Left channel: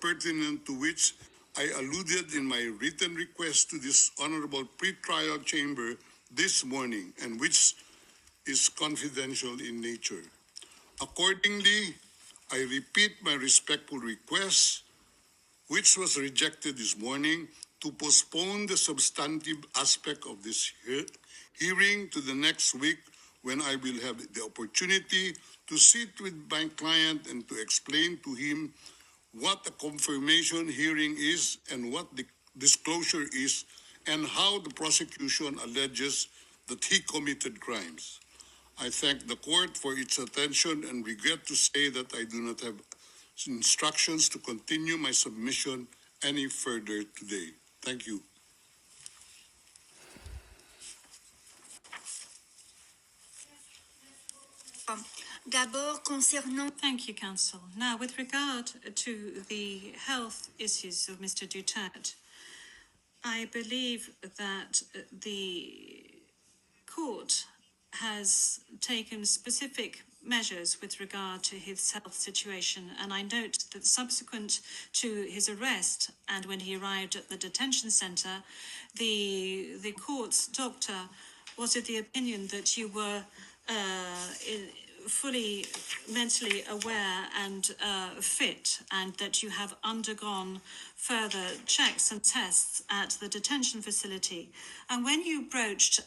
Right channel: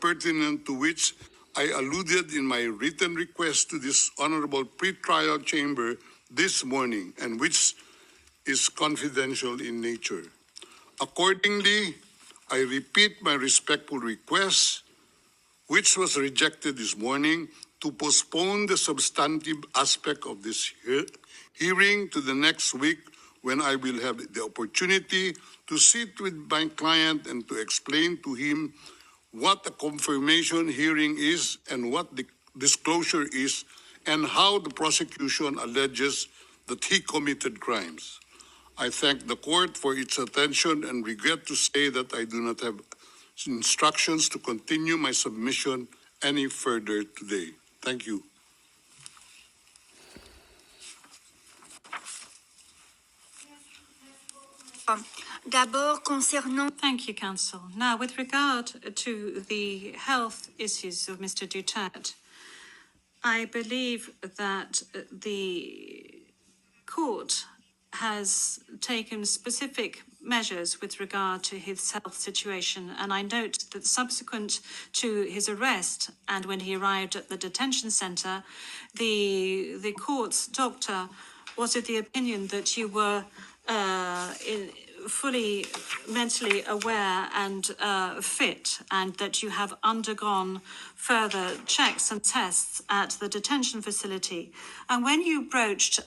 pertinent to which I alluded in my written request to this honorable pre-trial chamber this morning, and which is confidential in nature. Accordingly, I repeat my respectful request, which was rejected this morning, to postpone the substantive aspect of this hearing to the next week, when I will have the opportunity to sit with my client and to explain to him what a confirmation hearing is and what the disclosure is, and how the prosecution alleges that he committed crimes. I thank the court for its attention and regret to say that I do not have instructions to continue my submission any further today. Thank you. D'abord, concernant... Thank you, Counsel. Now, with regard to the health issues of Mr. Duterte, I believe that the court has taken specific measures with regard to his health situation, and I note that subsequent to his arrest and when he arrived at the detention center, the court's doctor was of the opinion that you were fully mentally aware and fit, and that you have undergone further checks and tests at the detention facility. And when you broached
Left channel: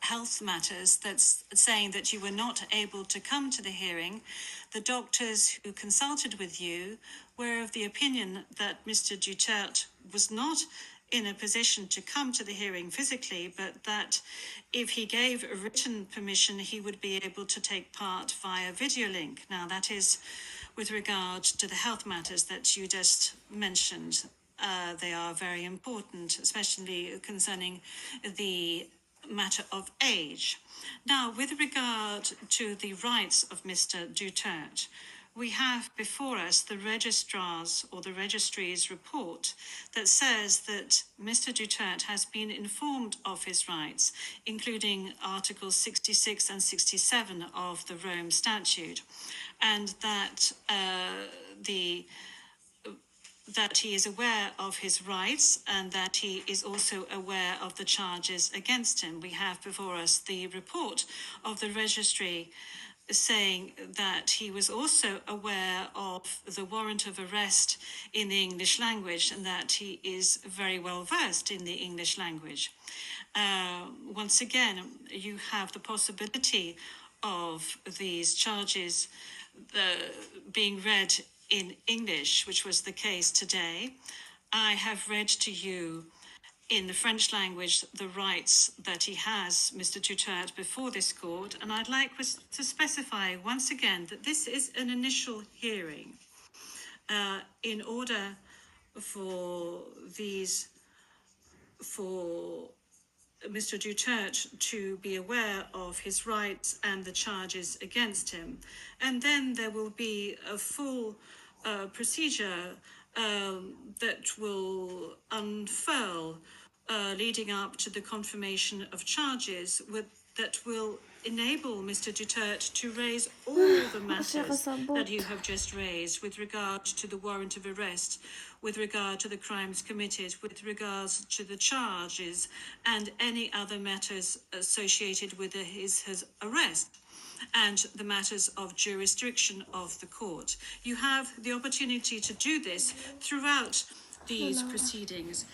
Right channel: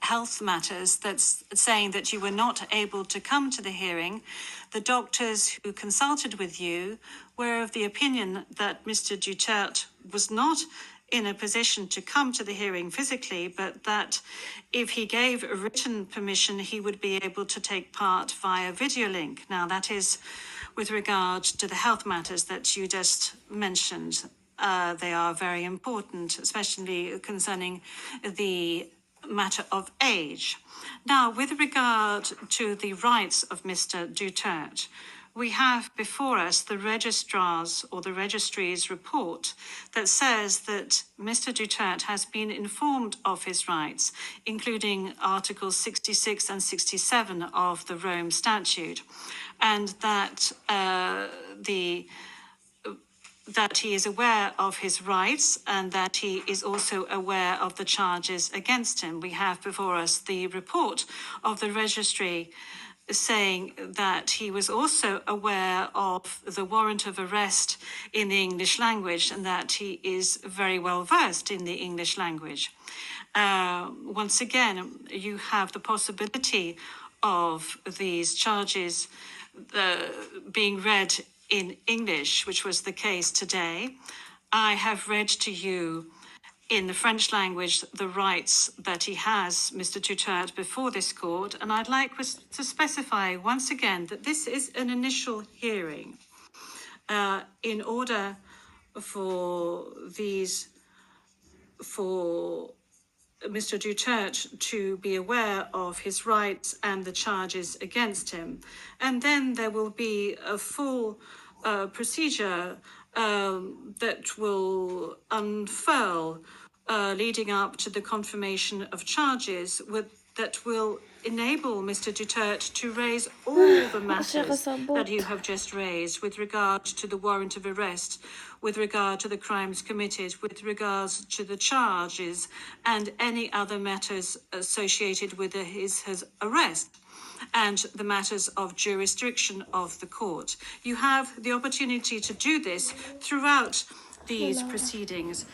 health matters, that's saying that you were not able to come to the hearing, the doctors who consulted with you were of the opinion that Mr. Duterte was not in a position to come to the hearing physically, but that if he gave a written permission, he would be able to take part via video link. Now, that is with regard to the health matters that you just mentioned. They are very important, especially concerning the matter of age. Now, with regard to the rights of Mr. Duterte, we have before us the registrar's or the registry's report that says that Mr. Duterte has been informed of his rights, including Articles 66 and 67 of the Rome Statute, and that that he is aware of his rights and that he is also aware of the charges against him. We have before us the report of the registry saying that he was also aware of the warrant of arrest in the English language and that he is very well versed in the English language. Once again, you have the possibility of these charges being read in English, which was the case today. I have read to you in the French language the rights that he has, Mr. Duterte, before this court, and I'd like to specify once again that this is an initial hearing. In order for Mr. Duterte to be aware of his rights and the charges against him. And then there will be a full procedure that will unfurl leading up to the confirmation of charges that will enable Mr. Duterte to raise all the matters that you have just raised with regard to the warrant of arrest, with regard to the crimes committed, with regards to the charges, and any other matters associated with his arrest, and the matters of jurisdiction of the court. You have the opportunity to do this throughout these proceedings.